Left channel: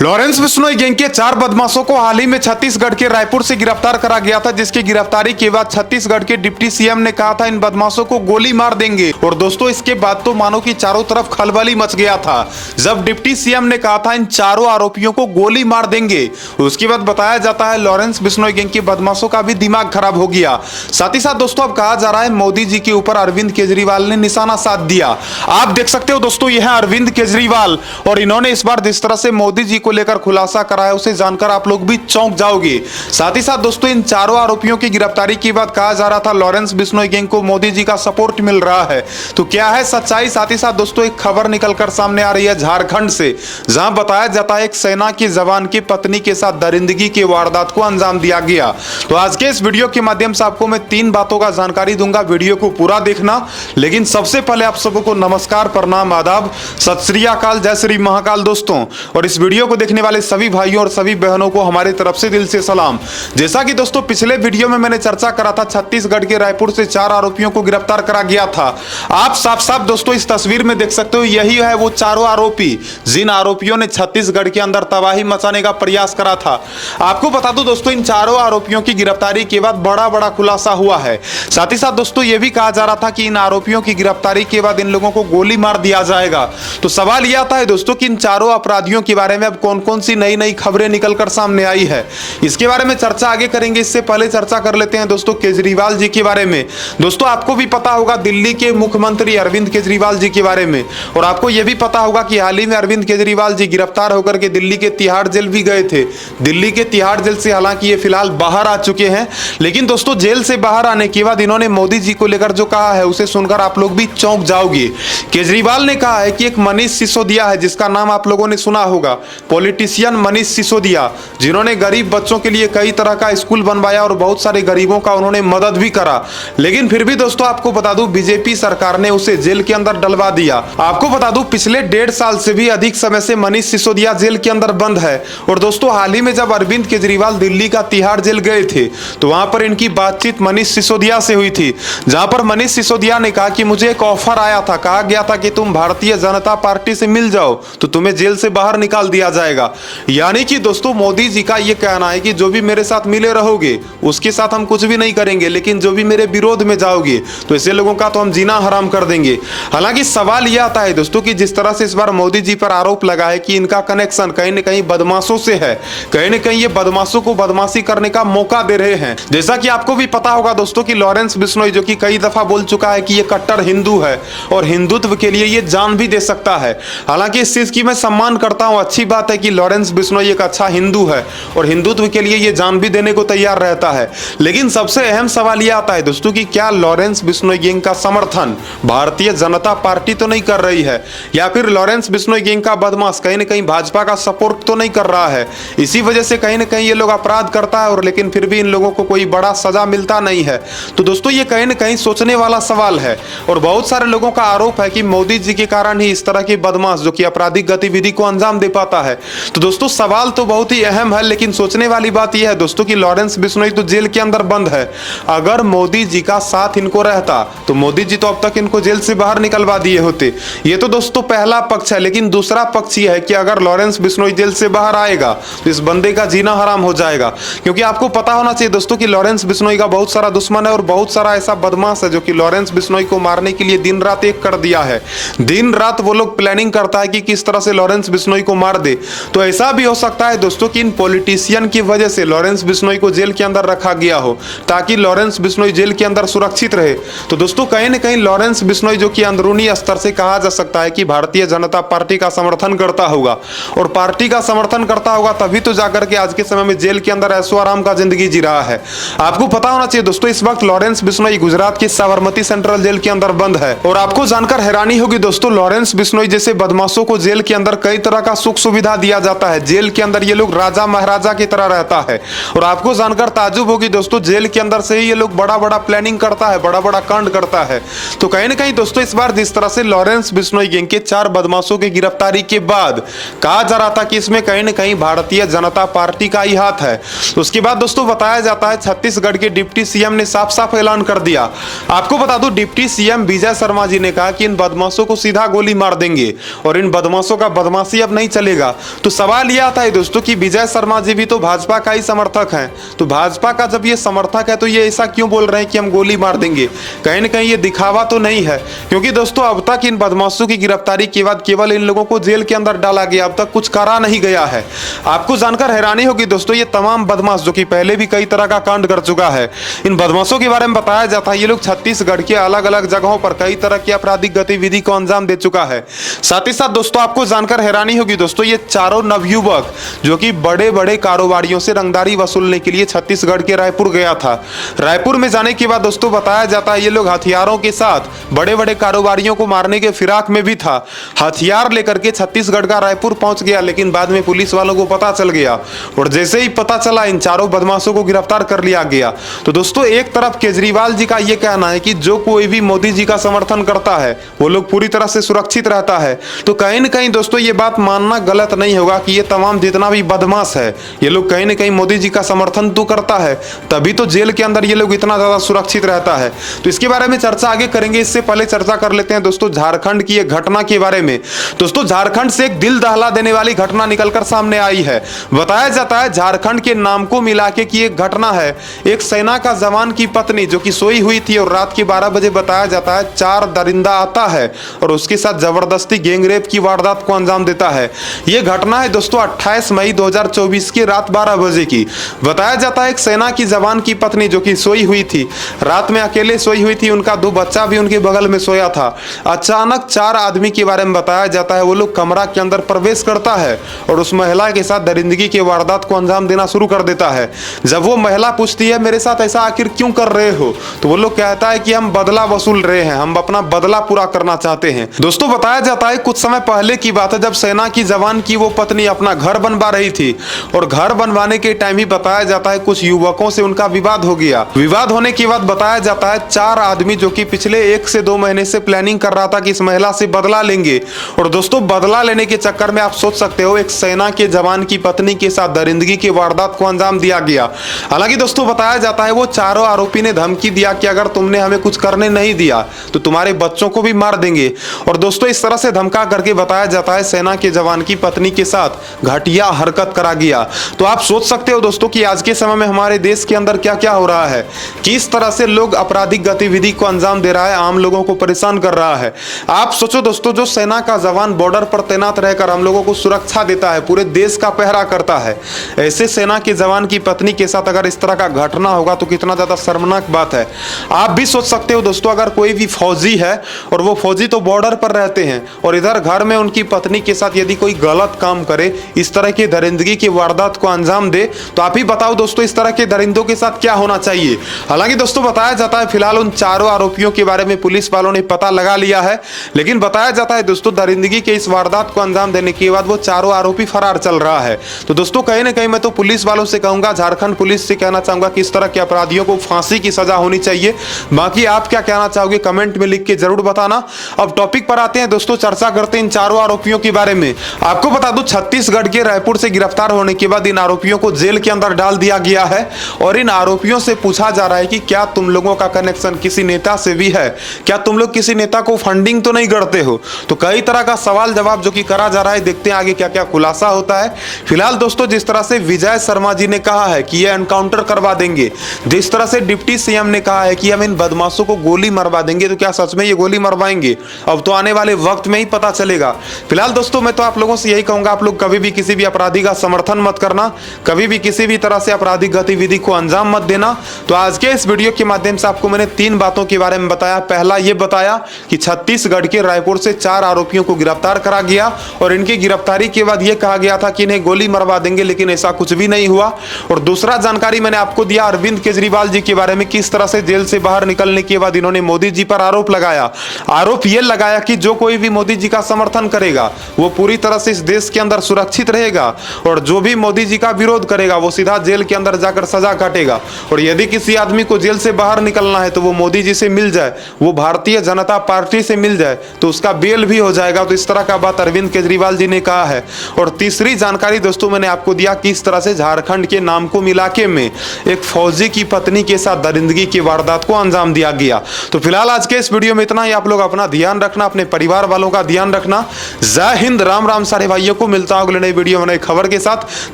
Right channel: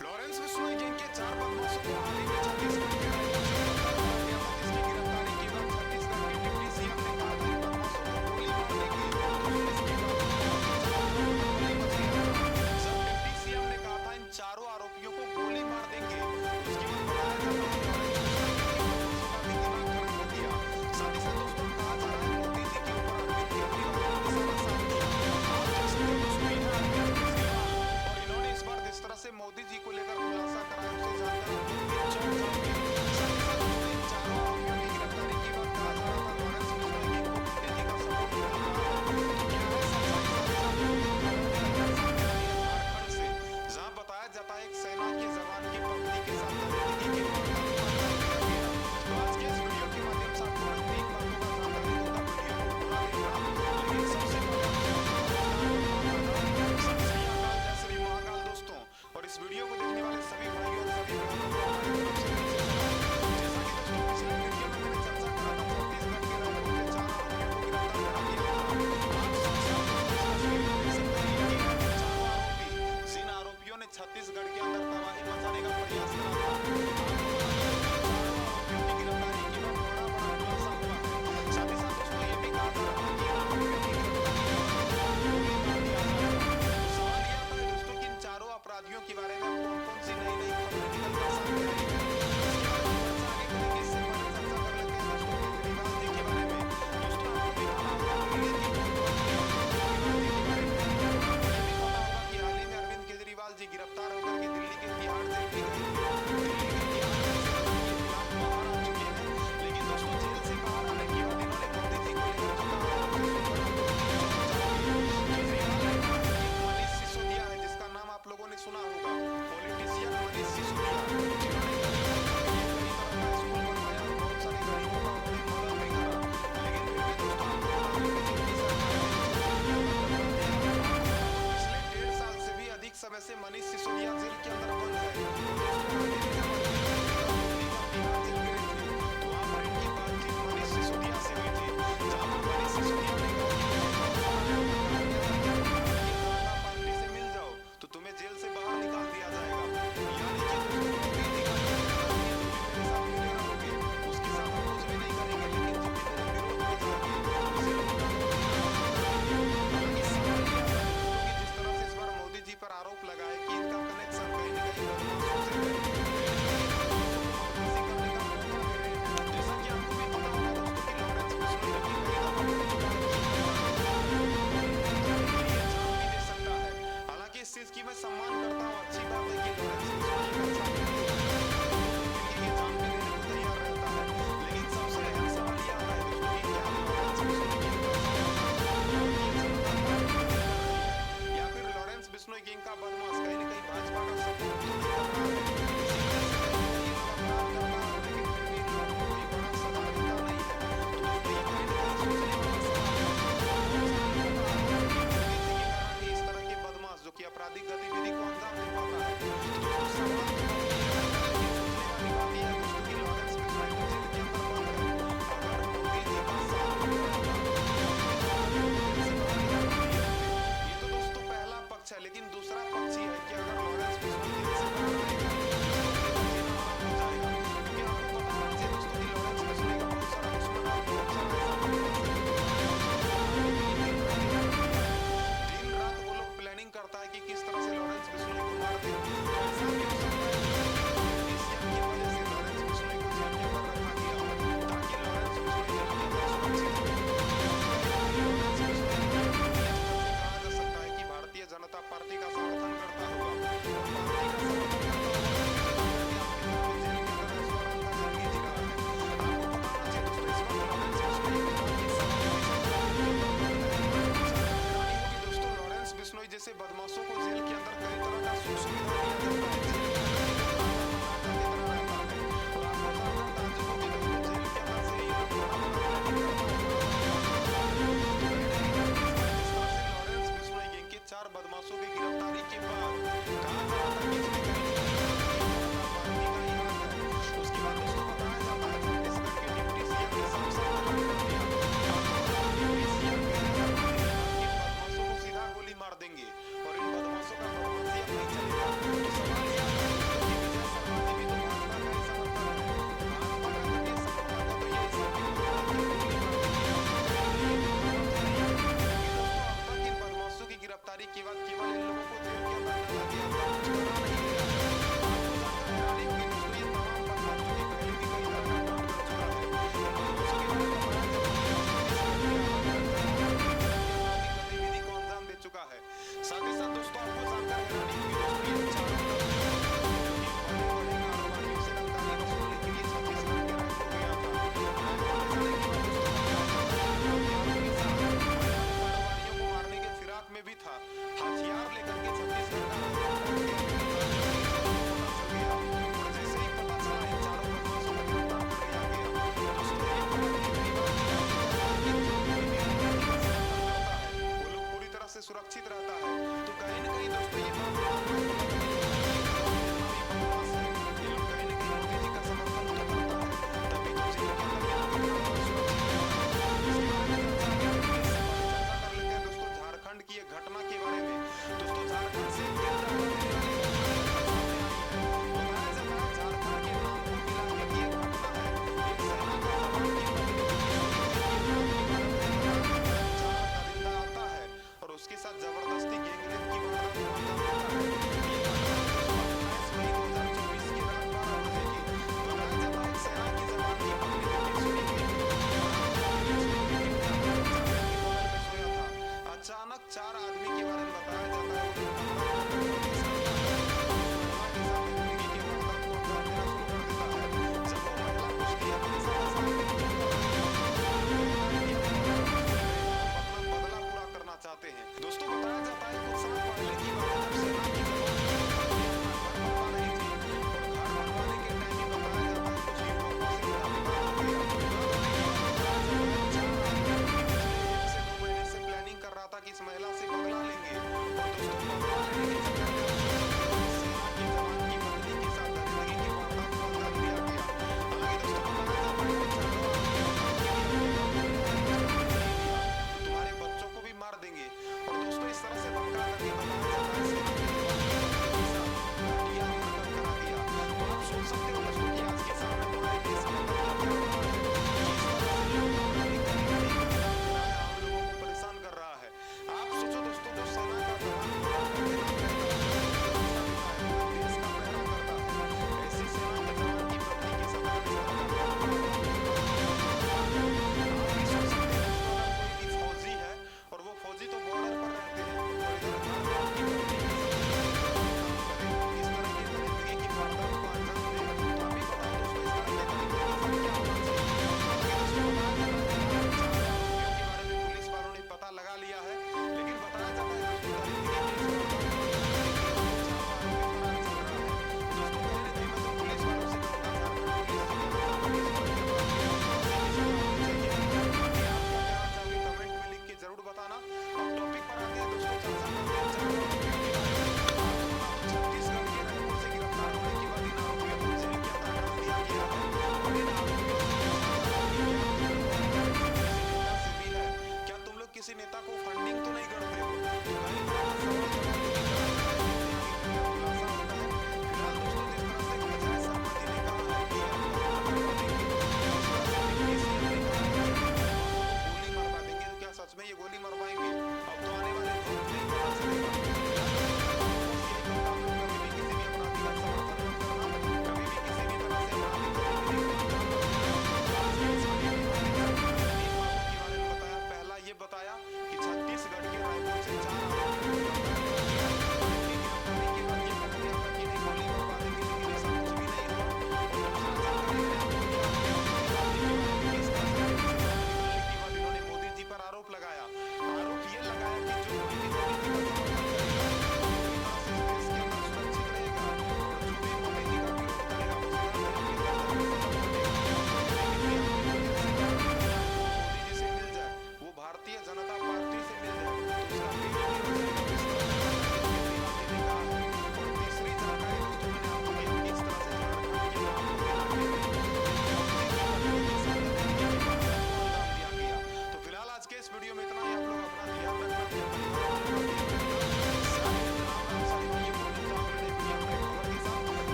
Lawrence Bishnoi gang के 4 बदमाशों को हाल ही में छत्तीसगढ़ के रायपुर से गिरफ्तार करा गया था, जिसकी गिरफ्तारी के बाद छत्तीसगढ़ के डिप्टी सीएम ने कहा था इन बदमाशों को गोली मार देंगे। और दोस्तों इसके बाद तो मानो कि चारों तरफ खलबली मच गया था जब डिप्टी सीएम ने कहा था इन चारों आरोपियों को गोली मार देंगे। उसके बाद बताया जाता है लॉरेंस बिश्नोई गैंग के बदमाशों का भी दिमाग खराब हो गया। साथ ही साथ दोस्तों अब कहा जा रहा है मोदी जी के ऊपर अरविंद केजरीवाल ने निशाना साध दिया। आप देख सकते हो दोस्तों यह है अरविंद केजरीवाल, और इन्होंने इस बार जिस तरह से मोदी जी को लेकर खुलासा कराया उसे जानकर आप लोग भी चौंक जाओगे। साथ ही साथ दोस्तों इन चारों आरोपियों की गिरफ्तारी के बाद कहा जा रहा था लॉरेंस बिश्नोई गैंग को मोदी जी का सपोर्ट मिल रहा है, तो क्या है सच्चाई? साथ ही साथ दोस्तों एक खबर निकलकर सामने आ रही है झारखंड से, जहां बताया जाता है एक सेना के जवान की पत्नी के साथ दरिंदगी की वारदात को अंजाम दिया गया। तो आज के इस वीडियो के माध्यम से आपको मैं 3 बातों का जानकारी दूंगा, वीडियो को पूरा देखना। लेकिन सबसे पहले आप सबको नमस्कार, प्रणाम, आदाब, सत श्री अकाल, जय श्री महाकाल दोस्तों। और इस वीडियो को देखने वाले सभी भाइयों और सभी बहनों को हमारी तरफ से दिल से सलाम। जैसा कि दोस्तों पिछले वीडियो में मैंने चर्चा करा था, छत्तीसगढ़ के रायपुर से 4 आरोपियों को गिरफ्तार करा गया था। आप साफ साफ दोस्तों इस तस्वीर में देख सकते हो, यही है वो चारों आरोपी जिन आरोपियों ने छत्तीसगढ़ के अंदर तबाही मचाने का प्रयास करा था। आपको बता दूं दोस्तों इन चारों आरोपियों की गिरफ्तारी के बाद बड़ा खुलासा हुआ है। साथ ही साथ दोस्तों यह भी कहा जा रहा था कि इन आरोपियों की गिरफ्तारी के बाद इन लोगों को गोली मार दिया जाएगा। तो सवाल यह आता है दोस्तों कि इन चारों अपराधियों के बारे में अब कौन कौन सी नई खबरें निकलकर सामने आई है, इसके बारे में चर्चा आगे करेंगे। इससे पहले चर्चा कर लेते हैं दोस्तों केजरीवाल जी के बारे में। दोस्तों आपको भी पता होगा दिल्ली के मुख्यमंत्री अरविंद केजरीवाल जी के बारे में, और आपको यह भी पता होगा कि हाल ही में अरविंद केजरीवाल जी गिरफ्तार होकर के दिल्ली के तिहाड़ जेल भी गए थे। दिल्ली के तिहाड़ जेल से हालांकि ये फिलहाल बाहर आ चुके हैं, लेकिन दोस्तों जेल से बाहर आने के बाद इन्होंने मोदी जी को लेकर जो कहा है उसे सुनकर आप लोग भी चौंक जाओगे। केजरीवाल ने कहा है कि एक मनीष सिसोदिया है, जिसका नाम आप लोगों ने सुना होगा, पॉलिटिशियन मनीष सिसोदिया, जिन्होंने गरीब बच्चों के लिए कई तरह का स्कूल बनवाया और बहुत सारे गरीबों का उन्होंने मदद भी करा। लेकिन फिर भी दोस्तों आपको बता दूं बीजेपी सरकार ने उसे जेल के अंदर डलवा दिया। आपको बता दूं पिछले 1.5 साल से भी अधिक समय से मनीष सिसोदिया जेल के अंदर बंद है। और दोस्तों हाल ही में जब अरविंद केजरीवाल दिल्ली का तिहाड़ जेल गए थे तो वहां पर इनकी बातचीत मनीष सिसोदिया से हुई थी, जहां पर मनीष सिसोदिया ने कहा कि मुझे एक ऑफर आया था, कहा गया था कि तुम भारतीय जनता पार्टी से मिल जाओ तो तुम्हें जेल से बाहर निकाल दिया जाएगा। यानी कि दोस्तों मोदी जी का यह कहना है कि जो भी मेरे साथ मिले रहोगे उसके साथ हम कुछ भी नहीं करेंगे, लेकिन जो भी मेरे विरोध में जाओगे तो ऐसे लोगों का तो हम जीना हराम कर देंगे। हालांकि सवाल यह आता है दोस्तों कि जिस तरह से इस बार मोदी जी पर आरोप लगा है कि इनका कनेक्शन कहीं न कहीं बदमाशों से है, कहीं न कहीं ये बदमाशों को बदमाशी करने का मौका दे रहे हैं। जैसा कि आपको भी पता होगा दोस्तों कि लॉरेंस बिश्नोई जो कि कई दफा बोल चुका है कि ये कट्टर हिंदू है और हिंदुत्व के लिए ये जान भी दे सकता है। हालांकि इस चीज की मैं सम्मान करता हूं, अच्छी बात है कि लॉरेंस बिश्नोई एक अच्छा हिंदू है और हिंदुत्व के लिए ये जान भी देने को तैयार रहता है। लेकिन सबसे अहम सवाल यह आता है दोस्तों कि क्या लॉरेंस बिश्नोई गैंग का समर्थन भारतीय जनता पार्टी तो नहीं कर रही है, या फिर लॉरेंस बिश्नोई गैंग का बदमाश कहीं न कहीं भाजपा का सपोर्ट तो नहीं कर रहा है। इसी वजह से कहीं न कहीं ये लोग अपराध करता है और लेकिन फिर भी इन लोगों को कोई बड़ा सजा मिलता नहीं है। तो दोस्तों ये कहीं न कहीं सोचने वाला सवाल है, और बहुत सारे लोगों का आरोप है कि मोदी जी के कारण ही इस तरह के बदमाश जो कि आपराधिक गतिविधि को अंजाम दे पाता है। तो दोस्तों सवाल तो बहुत ही अहम है, लेकिन सोचने वाली बात यह है दोस्तों कि लॉरेंस बिश्नोई तो जेल के अंदर बंद है। अगर मोदी जी का साथ इनको रहता तो मोदी जी तो अब तक इनको जेल से बाहर निकलवा दिए होते। ये तो दोस्तों पहला पक्ष है, लेकिन दूसरा पक्ष यह है कि अगर लॉरेंस बिश्नोई जेल से बाहर आएगा तो इस बंदे का जीना हराम हो जाएगा। क्योंकि आपको पता होना चाहिए दोस्तों कि लॉरेंस बिश्नोई का बहुत सारा दुश्मन है और बहुत सारा ऐसा बदमाश है जो कि लॉरेंस बिश्नोई को मारने के लिए दिन रात एक कर दिया है। दिन रात वो लोग प्लानिंग करता है कि किस तरह से लॉरेंस बिश्नोई को मार दे। तो ऐसा भी हो सकता है दोस्तों कि इन पॉलिटिशियन की वजह से लॉरेंस बिश्नोई को जेल के अंदर रखा गया हो, ताकि लॉरेंस बिश्नोई जेल के अंदर सुरक्षित रहे। तो दोस्तों कहीं न कहीं लॉरेंस बिश्नोई जो कि अंदरूनी स्तर से कहा जा सकता है कि भारतीय जनता पार्टी का समर्थन करता होगा, और पार्टी का समर्थन करता होगा तभी तो जाकर के आज के समय में जेल के अंदर ऐशो आराम का जिंदगी जी रहा है। आपको पता होना चाहिए दोस्तों इस वक्त लॉरेंस बिश्नोई गुजरात के साबरमती सेंट्रल जेल के अंदर बंद है। और आपको जानकर हैरानी होगी दोस्तों लॉरेंस बिश्नोई जैसे बदमाशों को जेल के अंदर कई तरह का सुख सुविधा दिया जाता है। जेल के अंदर ये लोग राजा महाराजा की तरह रहता है। और आपको जानकर ताजुब होगी दोस्तों जेल के अंदर से ही ये लोग बड़ा प्लानिंग करता है, बड़ा कांड करता है। तो कहीं न कहीं दोस्तों इस बार जिस तरह से लॉरेंस बिश्नोई गैंग के 4 बदमाशों की गिरफ्तारी के बाद कहा जा रहा था कि इसमें कहीं न कहीं भारतीय जनता पार्टी का ही हाथ है, उसके बाद दोस्तों बताया जाता है छत्तीसगढ़ के डिप्टी सीएम ने साफ साफ ऐलान कर दिया। आपको बता दूं डिप्टी सीएम विजय शर्मा जी ने कहा कि इन बदमाशों को सीधा गोली मार देंगे और इन बदमाशों का बदमाशी अब नहीं चलेगा। तो सवाल यह आता है दोस्तों कि विजय शर्मा जी भी तो भाजपा का ही समर्थक हैं, तो भाजपा का जब ये समर्थक है तो ये ऐसा क्यों बोल रहे हैं कि हम गोली मार देंगे? कहीं ना कहीं ये दिखावा तो नहीं है, क्योंकि दोस्तों अब तक इन बदमाशों की गिरफ्तारी के बाद केवल इन लोगों को जेल के अंदर डाला गया, अब तक कुछ करा नहीं गया है। आपको जानकर हैरानी होगी दोस्तों, ये तमाम बदमाश जो कि पहले भी कई तरह का कांड कर चुका है, इन बदमाशों के बारे में बताया जाता है ये लोग छत्तीसगढ़ के अलग अलग जगहों पर कई तरह की आपराधिक गतिविधि को अंजाम दे चुका है। साथ ही साथ दोस्तों आपको जानकर हैरानी होगी दोस्तों, ये चारों नवयुवक जो कि बड़े बड़े कारोबारियों से रंगदारी वसूलने के लिए छत्तीसगढ़ के रायपुर गया था। रायपुर में जाने के बाद दोस्तों बताया जाता है ये लोग हथियारों के साथ बड़े बड़े कारोबारियों को मारने के फिराक में भी था, हथियार लेकर के छत्तीसगढ़ का रायपुर पहुंच गया, लेकिन बाद में पुलिस वालों को पता चल गया और जैसे ही पता चला इन चारों बदमाशों को गिरफ्तार कर लिया गया। तो दोस्तों एक तरफ केजरीवाल जी का यह कहना है कि जो कोई भी मोदी जी का समर्थन करता है वो लोग पूरी तरह से सुरक्षित रहता है, तो कहीं ना कहीं दोस्तों ये बात मानना गलत नहीं होगा कि ये तमाम जितना भी बदमाश है ये लोग कहीं ना कहीं मोदी जी का समर्थन तो करता है, तभी तो जेल के अंदर ये लोग इतना ज्यादा सुरक्षित रहता है। तो इसके बारे में चर्चा आगे करेंगे, इससे पहले चर्चा कर लेते हैं दोस्तों झारखंड की एक घटना के बारे में। दोस्तों झारखंड से एक दिल दहला देने वाली घटना निकलकर सामने आई है। बताया जाता है झारखंड के नाम को मिला के की एक घटना है, एक सेना का जवान की पत्नी जो कि सोई हुई थी और रात के 12 बजे बताया जाता है 4 दरिंदा आता है और उसके साथ जबरदस्ती गैंगरेप की वारदात को अंजाम देता है। यह घटना है दोस्तों 28 मई 2024 की रात 12 बजे की। बताया जाता है एक सेना की जवान की पत्नी जो कि सोई हुई थी, रात में अकेले सोई हुई थी, उनका 2 बच्चा भी उनके बगल में सोया था। अचानक 4 आदमी के बारे में बताया जाता है वो लोग कमरा के अंदर प्रवेश करता है और उस महिला के साथ दरिंदगी की वारदात को अंजाम देना शुरू कर देता है। जब वो महिला पूछती है मेरे साथ ऐसा आखिर क्यों कर रहे हो, तो वो लोग कहता है कि हम बदला वसूल रहे हैं, हम अपना बदला पूरा करना चाहते हैं। दोस्तों बताया जाता है कुछ समय पहले की बात है जब सेना की जवान की वो पत्नी अपना घर बनवा रही थी और घर बनवाने के टाइम ही बताया जाता है कुछ युवकों से उनका विवाद हो गया। विवाद होने के बाद बताया जाता है 4 आदमी जो कि पिछले 1 से 2 महीने से प्लानिंग कर रहा था कि इस महिला से बदला लेंगे, और दोस्तों बदला लेने के चक्कर में आप सोच सकते हो एक सेना के जवान की पत्नी के साथ दरिंदगी की वारदात को अंजाम दिया गया। हालांकि दोस्तों बताया जाता है वो चारों आरोपी ने धमकी दिया कि अगर तुमने हमें कुछ करने नहीं दिया तो तुम्हारे बच्चों को भी मार देंगे, और दोस्तों इस तरह से धमका करके बताया जाता है सेना के जवान की पत्नी के साथ घटिया हरकत करा गया। तो आप सोच सकते हो दोस्तों कि आज के समय में हमारे देश के अंदर क्या क्या हो रहा है, किस तरह से लोग आपराधिक गतिविधि को अंजाम दे रहा है, आम लोगों को परेशान कर रहा है। आप सोचो दोस्तों जो सेना का जवान बॉर्डर पर तैनात रहकर हम लोगों को सुरक्षा देता है, पूरे देश का पहरा करता है, ऐसे सेना के जवान की पत्नी के साथ अगर इस तरह का घटना होगा तो कितना ज्यादा शर्मनाक बात है। आप भी सोच सकते हो दोस्तों अगर कोई भी फौजी है और वो फौजी तो बॉर्डर पर रहते हैं और इधर घर में उनकी पत्नी के साथ यदि कोई गलत काम करे, इस तरह की दरिंदगी की वारदात को अंजाम दे, तो आप ही बताओ दोस्तों इस तरह के दरिंदों के साथ क्या होना चाहिए। हालांकि दोस्तों बताया जाता है फिलहाल उन चारों आरोपियों के बारे में पुलिस वालों ने पता लगा लिया है, लेकिन बताया जाता है दोस्तों दरिंदगी के इस वारदात को अंजाम देने के बाद वो चारों आरोपी फरार चल रहा है। तो दोस्तों कहीं ना कहीं मैं तो पुलिस वालों से कहूंगा, झारखंड पुलिस से कहना चाहूंगा कि इस तरह के अपराधियों को फांसी की सजा होनी चाहिए। बाकी आप क्या कहना चाहोगे कमेंट में लिख के जरूर बताना। अब टॉपिक पर आते हैं दोस्तों, चर्चा करते हैं इन चारों आरोपियों के बारे में। आपको बता दूं छत्तीसगढ़ के रायपुर से गिरफ्तार होने के बाद इन आरोपियों को जेल के अंदर डाल दिया गया है और इन आरोपियों से पूछा जा रहा है कि क्या तुम लोगों का कनेक्शन किसी नेता से भी है, क्या तुम लोग किसी नेता को फंडिंग तो नहीं करते हो। तो कई तरह का सवाल जवाब जो कि करा जा रहा है, देखते हैं आगे क्या क्या खुलासा होता है। फिलहाल दोस्तों जिस तरह से विजय शर्मा जी ने कहा है कि ये एनकाउंटर करवा देंगे, जिस तरह से डिप्टी सीएम ने कहा है कि हम इन बदमाशों को गोली मरवा देंगे, तो क्या सच में ये गोली मरवाएंगे? अब तो आने वाले वक्त में ही पता चलेगा। फिलहाल दोस्तों मैं तो आप लोगों से यही कहूंगा, आप लोग कभी भी किसी भी अपराधी का समर्थन मत करना, कभी भी किसी भी तरह से आपराधिक गतिविधि को अंजाम मत देना। तो आज के इस वीडियो के माध्यम से आपको मैंने 3 बातों के बारे में बताया। पहला ये बताया कि छत्तीसगढ़ के रायपुर से 4 आरोपियों को गिरफ्तार करा गया और इनकी गिरफ्तारी के बाद यह कहा गया था कि इन्हें गोली मरवा देंगे, लेकिन ऐसा कुछ भी नहीं हुआ। और दूसरा जानकारी मैंने आपको दिया अरविंद केजरीवाल जी के बारे में, किस तरह से जेल से बाहर निकलने के बाद इन्होंने मोदी जी पर आरोप लगाया। आरोप यह लगाया कि जो कोई भी मोदी जी का समर्थन करेगा वो पूरी तरह से इस देश के अंदर सुरक्षित रहेगा और जो भी मोदी जी का विरोध करेगा वो सीधा जेल के अंदर जाकर सजा काटेगा। और यदि किसी आदमी को जेल से बाहर निकलना है तो वो मोदी जी से मिल जाए, वो भारतीय जनता पार्टी से मिल जाए, तो उसका बेल भी हो जाएगा। तो इस तरह का बात अरविंद केजरीवाल जी ने कहा है। और तीसरी जानकारी दोस्तों मैंने आपको दिया किस तरह से झारखंड के नामकुम इलाके में एक फौजी की पत्नी के साथ दरिंदगी की वारदात को अंजाम दिया गया। तो फिलहाल आज के इस वीडियो में इतना ही। आप लोग अपना ध्यान रखना, अपने परिवार वालों का ध्यान रखना। जय हिंद, राम राम सारे भाइयों को। को मिलता हूं अगले नई वीडियो में नई खबर के साथ।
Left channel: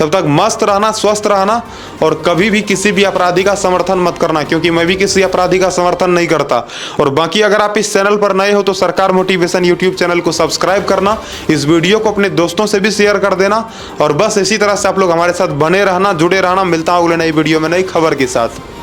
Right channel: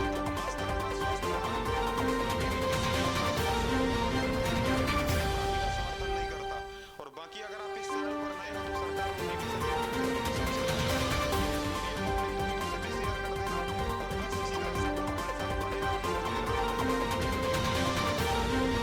तब तक मस्त रहना, स्वस्थ रहना और कभी भी किसी भी अपराधी का समर्थन मत करना, क्योंकि मैं भी किसी अपराधी का समर्थन नहीं करता। और बाकी अगर आप इस चैनल पर नए हो तो सरकार मोटिवेशन यूट्यूब चैनल को सब्सक्राइब करना, इस वीडियो को अपने दोस्तों से भी शेयर कर देना और बस इसी तरह से आप लोग हमारे साथ बने रहना, जुड़े रहना। मिलता हूं अगले नई वीडियो में नई खबर के साथ।